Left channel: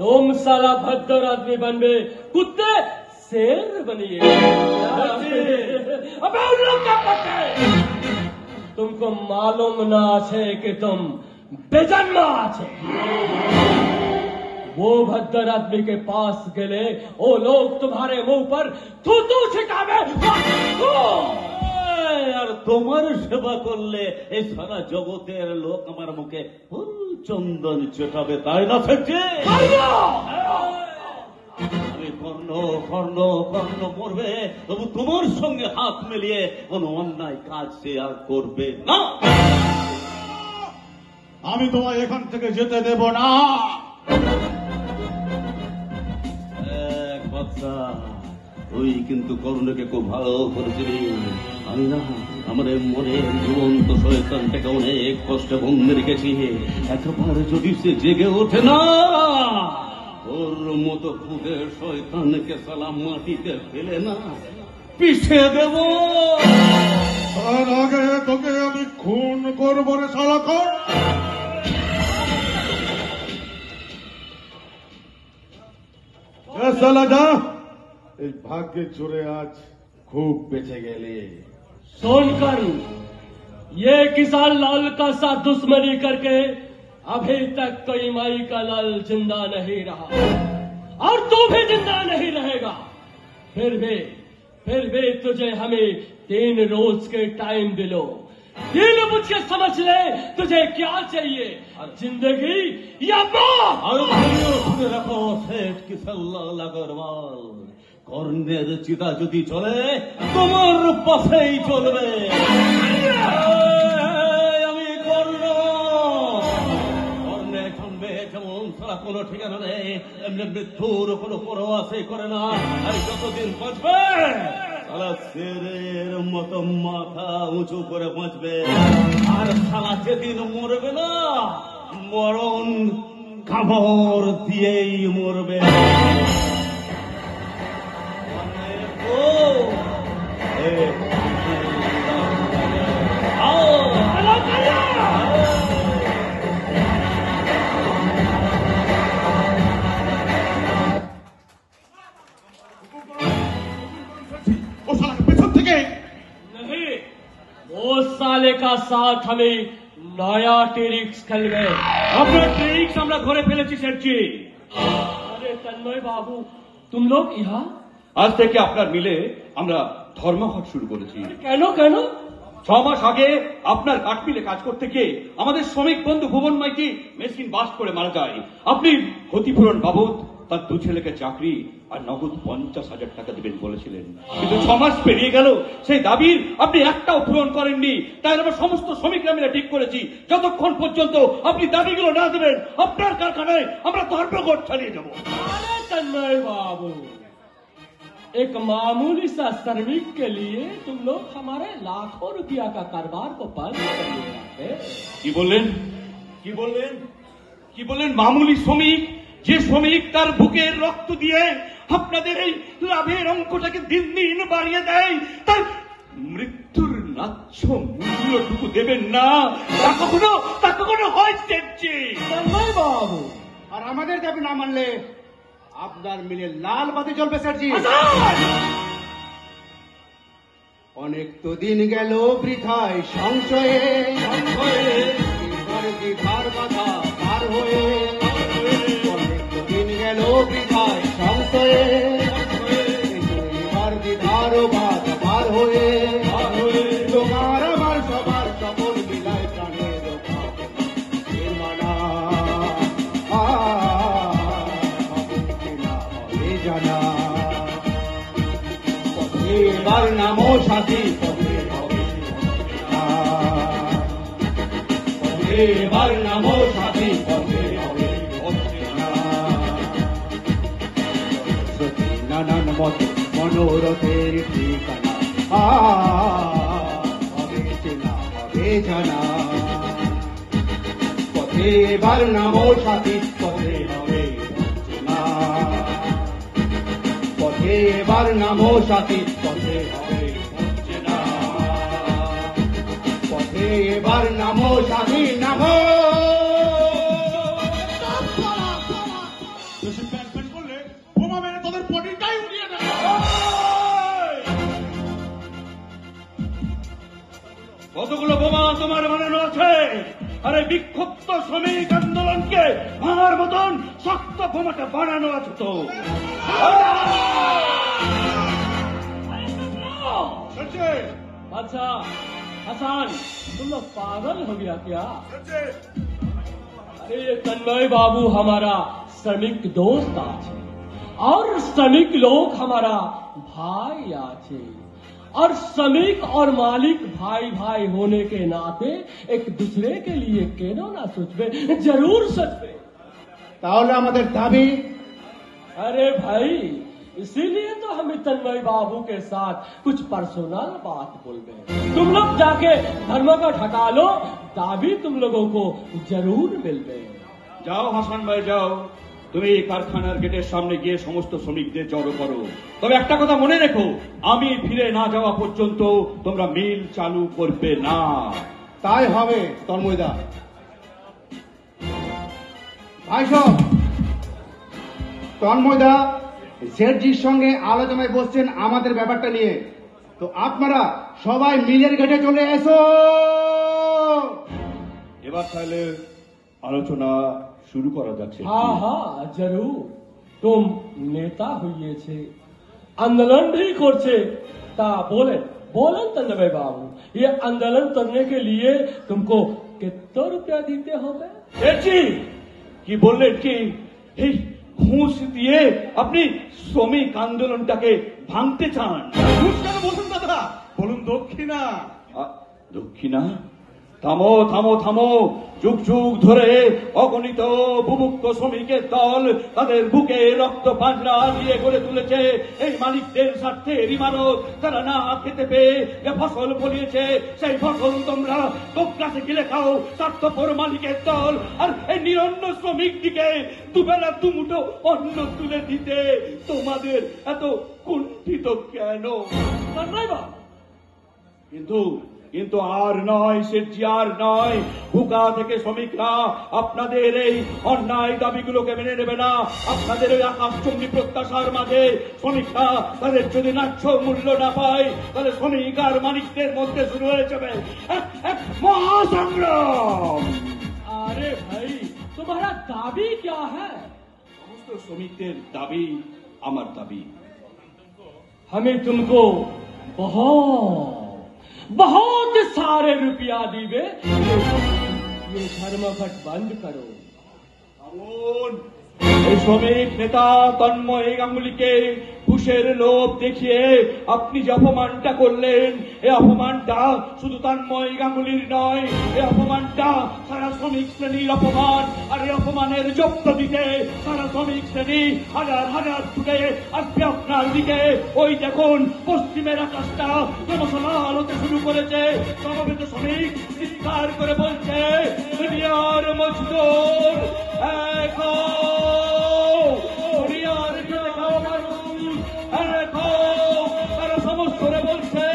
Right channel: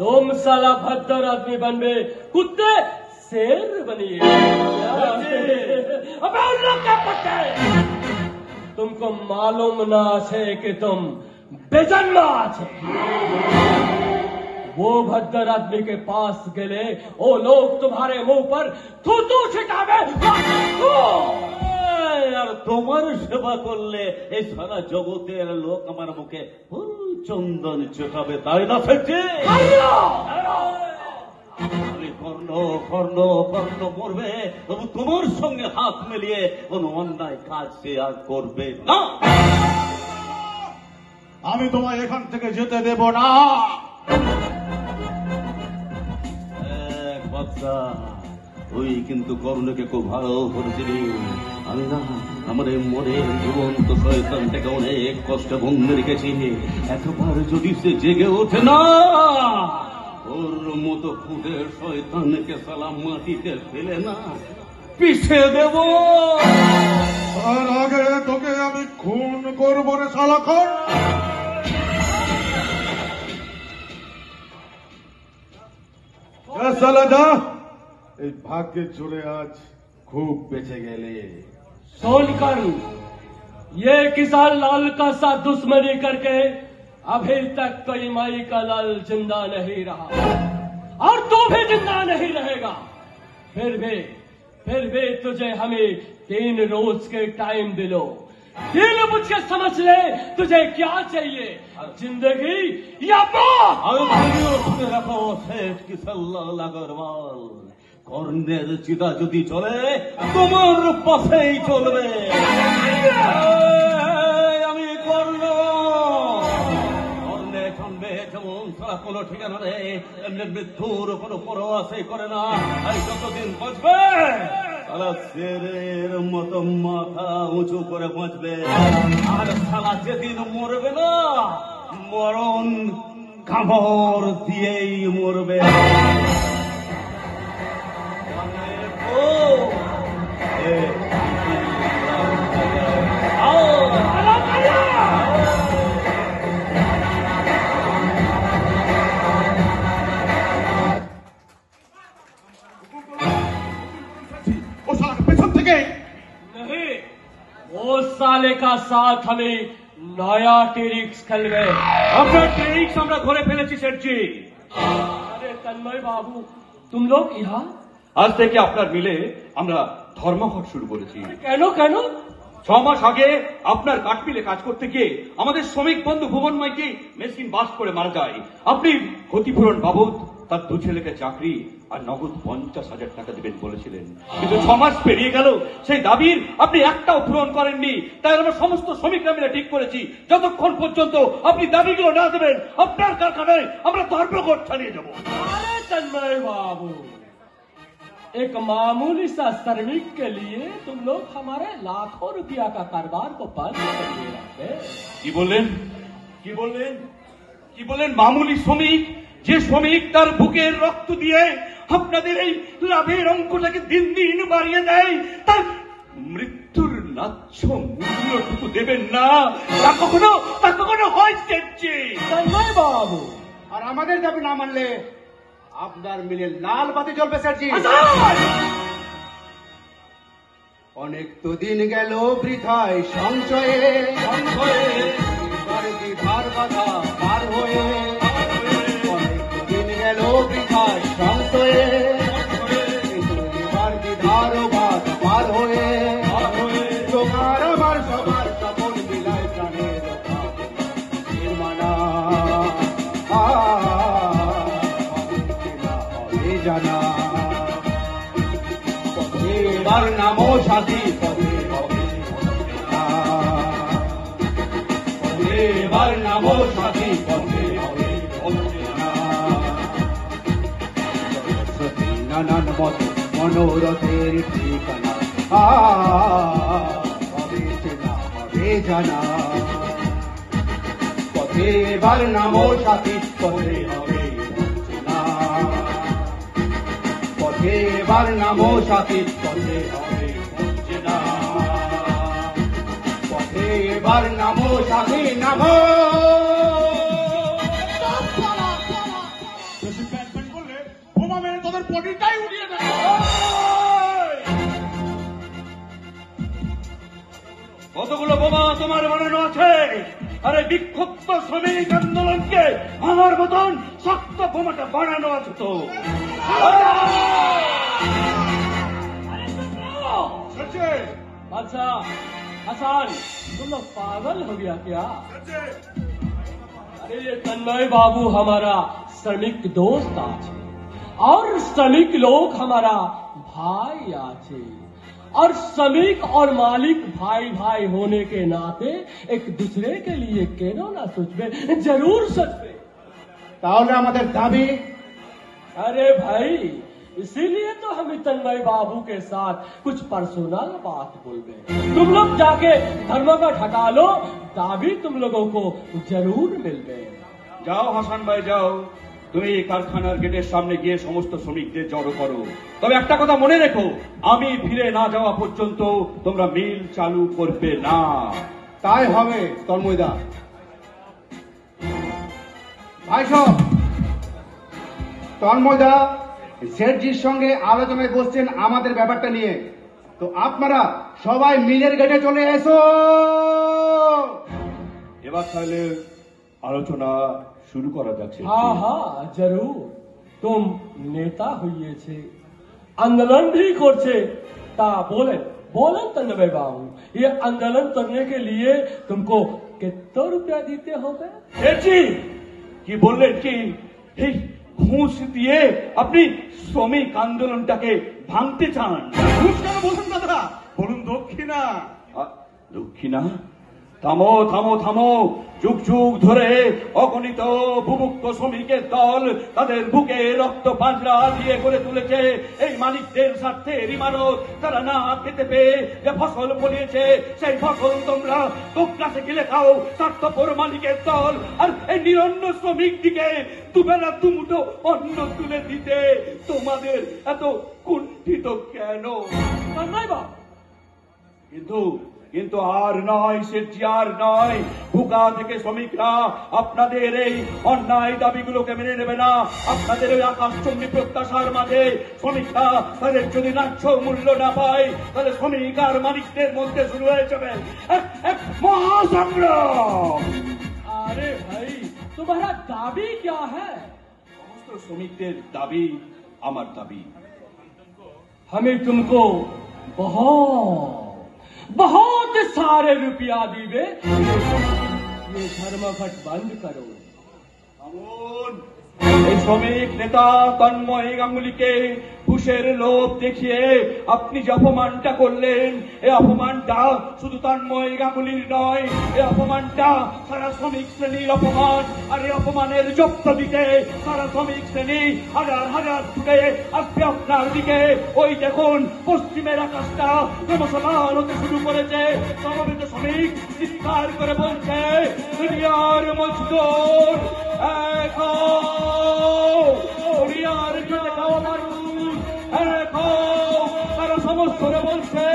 तुम साला भद्दर आदमी बनवे, कुत्ते शेर बनिए। अबे उन लोग क्या करते हैं? तुमको मालूम ना है कि तुम बेजन्मा छे। वो भद्दर आदमी के पास गए, वो लोग तुम्हारे मुंह पर थूथू छिटावे। আর তোমার সেবা করলে এই সারা জগতের লোক আমার মুখে চন্দন চটাবে, তাই না? থেকে আমি কর্ণ কর্ণ কর্ণ করবে, তবু তোমার সঙ্গে হাত মিলিয়ে কোন অন্যায় কাজ সে আর করবে না। আমি তোমায় এখান থেকে যেতে দেব না। তুই কিন্তু কর্ণকে খুব ভালো করেছিলি। আমি না আমার এই মরে জীবন্ত শয়তানটাকে অনেক কষ্ট বন্ধে রেখেছি। এতবার যদি সে জেগে ওঠে না, ওর মতো খুদের শয়তানকে সালাম মাটিতে ফেলে না পিছিয়ে দেব। তার আগে তোকে আমি খুন করবো রে সালাখন। সালাডা এই ভাগ্যে চলে আজ खूब बेचे गए। सोनकर ये किसान लाल का साथ दुश्मनी करके अभी तक कोई माई का लाल जिंदा नहीं रहा, और तू भी जिंदा नहीं रहेगा। फिर भी तुझे हमें 3 रोज के टाइम दिलो। दिल मुझे समझ ले, तुझे क्या चाहिए, जिंदगी या मौत? रखो सेठ की सल्ला लगरवाल, কর্ণের চিতা যদি চলে তোমার পাশেই চলবে। আমি করব কর্ণে থামবে যেমন তারা কোনো ঠিকানা নেই, এমনি মৃত্যুর কোনো পরোয়াশই করে না। আর যতদিন বাঁচবে সালা শেরের মতো মাথা উঁচু করে বাঁচবে। আর সালা যেদিন মরবে না, মরণ কামড় দিয়েই মরবে। साले का साथ हमें नया टेरिक्स खेल रहे। अपना टेरिक्स हमरा घरे फेलेছি সেটজি। अरे तन्मय बाबू, तुम लोग यहाँ? আজ থেকে আপনার মিলে আমরা ধর্মঘট শুরু করেছি। কেন কেন? 6 মাস আগে আপনার কাঠমিলে কাজ করতে গিয়ে আমাদের শ্রমিক বন্ধু ভুবন মাইতি মেশিন বাস্ট করে মারা যায়। আপনি ক্ষতিপূরণ বাবদ তার 2 ছেলেকে চাকরি আর নগদ 50,000 টাকা দেবেন বলেছিলেন, কিন্তু 6 মাস পেরিয়ে গেল, সেই দাবির আপনি একটাও পূরণ করেননি। তাই আমরা সমস্ত শ্রমিকরা মিলে ঠিক করেছি যতক্ষণ পর্যন্ত আপনি দাবিগুলো না দেবেন আপনার কারখানায় আমরা ধর্মঘট চালিয়ে দেব। तन्मय बाबू, एक मामूली सा श्रमिक के लिए तुम लोग हमारे लाखों रुपया का कारोबार को बंद कर दिया। কি বললেন কি বললেন কি বললেন? মামুলি শ্রমিক, যে শ্রমিক তার বুকের রক্ত দিয়ে আপনাদের এই লাভের অঙ্কটাকে দিন দিন বাড়িয়ে দেয়, তার মৃত্যুর ন্যায্য মূল্যটুকু দেবেন না, তা কখনো হয় সেটজি। तन्मय बाबू, আর আমাদের দাবি না মানলে আপনার মিলে লাল বাতি জ্বলবে সেটজি। অনেক তো দিন গেল বৃথায় সঞ্চয়ে, ধার বাধা পার হয়ে। অনেক দিন গেল বৃথায় সঞ্চয়ে, ধার বাদ পার হয়ে। তোমার আমার সবার সকল মিলে জানিয়ে জানা এবার নামো সাথী, এবার নামো সাথী, নানান মনোরথের ঠিকানা জানা। এবার নামো সাথী, তবে হবে এবার নামো সাথী, এবার নামো সাথী, নামো শ্রমিক আন্দোলনকে ভাঙার মতন শক্ত ক্ষমতা বাড়ানো আছে তো। अच्छा हसन तुम लोग पागल हो गया क्या? अरे तन्मय बाबू हमारा श्रमिक दोस्त आछे और श्रमिक लोग हमारा भाई आछे और श्रमिक और मालिक भाई भाई होने के नाते एक दूसरे के लिए क्यों ना सोचबे, जरूर सोचबे। তাহলে আমাদের দাবি। अरे भाई इसीलिए तो हम तन्मय बाबू के साथ कुछ पर्सनल बात बोल गए। तुम लोग जाके धर्मघट हटा लो, दाबी तुम लोगों को जरूर मिल गए। যাও হাসান ভাই যাও, তুমি এই কারখানার গেটের সামনে গিয়ে সমস্ত শ্রমিকদের জড়ো করো। তবে একটা কথা মনে রেখো, আমি ফিরে না যাওয়া পর্যন্ত তোমরা মিল চালু করবে না। তাই হবে তন্ময়দা। ভাই সব, তন্ময়দা শেঠজির সঙ্গে আলোচনায় বসছেন আমাদের ব্যাপারটা নিয়ে, তো আপনারা সবাই মিলের গেটে চলে এসো। এবার তাহলে আলোচনা শুরু করা যাচ্ছে। हाँ हाँ जरूर, तुम नेता हुए छे, आंदोलन भी करछे, ता बोले बोले तन्मय बाबू, ये आंदोलन करने के लिए तुमको कितना रुपया देते होंगे? শেঠজি কি বললেন কি এই ঘুষ দিয়ে আপনি শ্রমিক আন্দোলনটাকে ভাঙতে চান? বলুন দক্ষিণা। দক্ষিণা? থামো থামো থামো, যুগ যুগ ধরে অগণিত বুভুক্ষ শ্রমিকের দল তাদের বুকে রক্ত পাঁজরা দিয়ে গড়ে তুলেছে এই মালিকদের স্বার্থে ইমানত। তারা না খেতে পেয়ে যে ফসল ফলিয়েছে সেই ফসল তোমরা দুঃখাসে গিলে খাও স্বার্থপর মালিকের দল, আর এই নিরন্ন শ্রমিক দিকে দুবেলা দুমুঠো অন্ন তুলে দিতে তোমাদের এত কুণ্ঠিত কেন? কিন্তু আর নয় শেঠজি, আর নয়। ভুকা থেকে শ্রমিকরা আপনাদের এই অন্যায় দাবিগুলোকে মেনে নেবে না। আপনাদের আকাশচন্ডী প্রত্যাশার মাঝে শ্রমিকরা তাদের যদি ন্যায্য মূল্য না পায়, তাহলে শ্রমিক আর মালিকদের মধ্যে শুরু হয়ে যাবে এক মহাসংগ্রাম। अरे भाई तुम्हारा दाबी क्या है? সমস্ত শ্রমিকদের দাবি আমার দাবি। हमें तुमको बहुत बहुत सारे रुपया दीबे, ये धर्मघट बंद करो। এই শ্রমিক নেতা তন্ময় গাঙ্গুলিকে ঘুষের লোভ দেখিয়ে আপনি যে অপমানটা করলেন, এই অপমানটা শুধু তন্ময় গাঙ্গুলির নয়, এই অপমানটা সারা শ্রমিক শ্রেণীর অপমান। আর এই অপমানের জব্দ দিতে সারা শ্রমিক শ্রেণী হাজার হাজার থেকে আজকে আপনার দিকে। ওই দেখুন পশ্চিমের আকাশটা জনসমাল হতে শুরু করেছে। সমবেত শ্রমিক চিৎকার করে বলছে, দুনিয়ার মজদুর এক দুনিয়ার খেতে খাওয়া মানুষ এক হও। তারা সমস্ত বলছে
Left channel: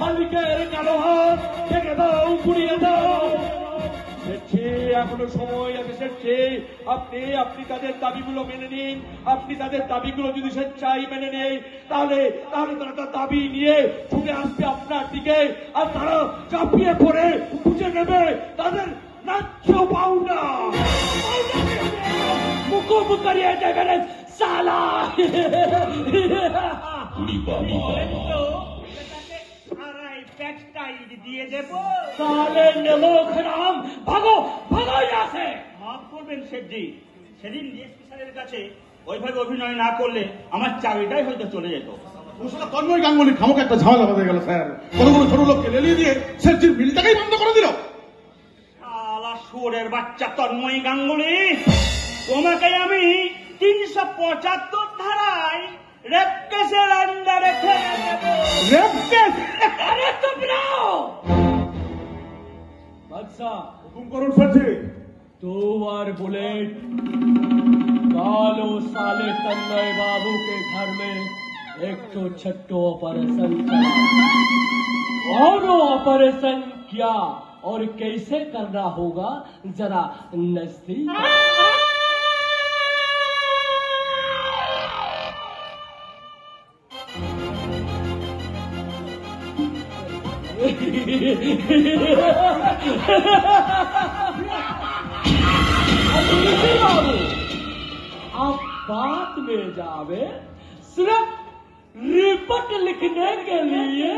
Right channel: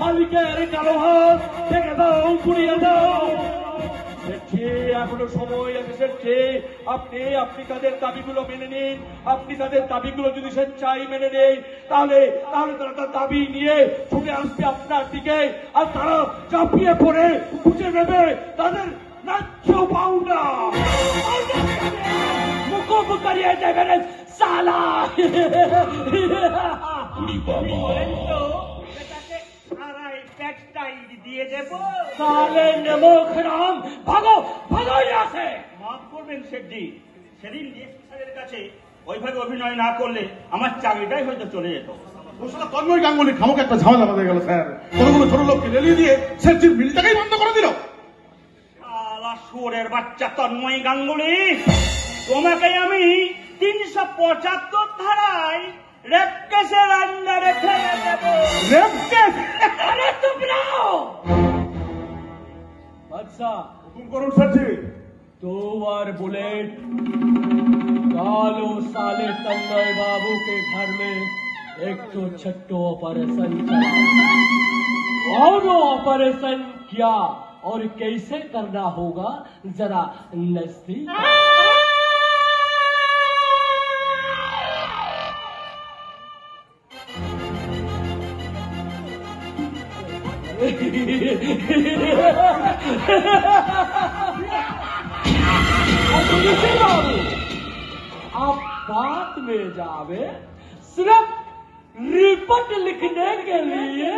মালিকের কালো হাত ভেঙে দাও, পুড়িয়ে দাও। এখনো সময় আছে শেঠজি, আপনি তাদের দাবিগুলো মেনে নিন। আপনি তাদের দাবিগুলো যদি স্বেচ্ছায় মেনে নেই, তাহলে তারা তার দাবি নিয়ে ছুটে আসবে আপনার দিকে, আর তারা চাপিয়ে পড়ে খুঁজে নেবে তাদের ন্যায্য পাওনা। মুখ করিয়ে দেবেন সালা। দিয়ে দেব তাহলে নেমোখরাম, ভাগো ভাগো আছে। মাফ করবেন শেঠজি, সেদিন স্যারের কাছে ওইভাবে অভিনয় না করলে আমার চাকরিটাই হয়তো চলে যেত। তন্ময় গাঙ্গুলি খামকে একটা ঝামেলা বাঁধে গেল স্যার। কতগুলো ছোট লোককে লেলিয়ে দিয়ে শেঠজির বিলটাকেই বন্ধ করে দিল। সুরের বাচ্চা তন্ময় গাঙ্গুলি, তোমাকে আমি 375 ধারায় রেপ কেসের আন্ডারে ফেলে দেব। Rape case? अरे तुम रहो। अच्छा হুকুম করুন শেঠজি। 2 बार बुलेट डालो साले तन्मय बाबू के घर में 106 ऑपरेशन और ऑपरेशन क्या और कैसे करना होगा जरा नजदीक। बात में जावे सिर्फ रिपोर्ट लिखने के लिए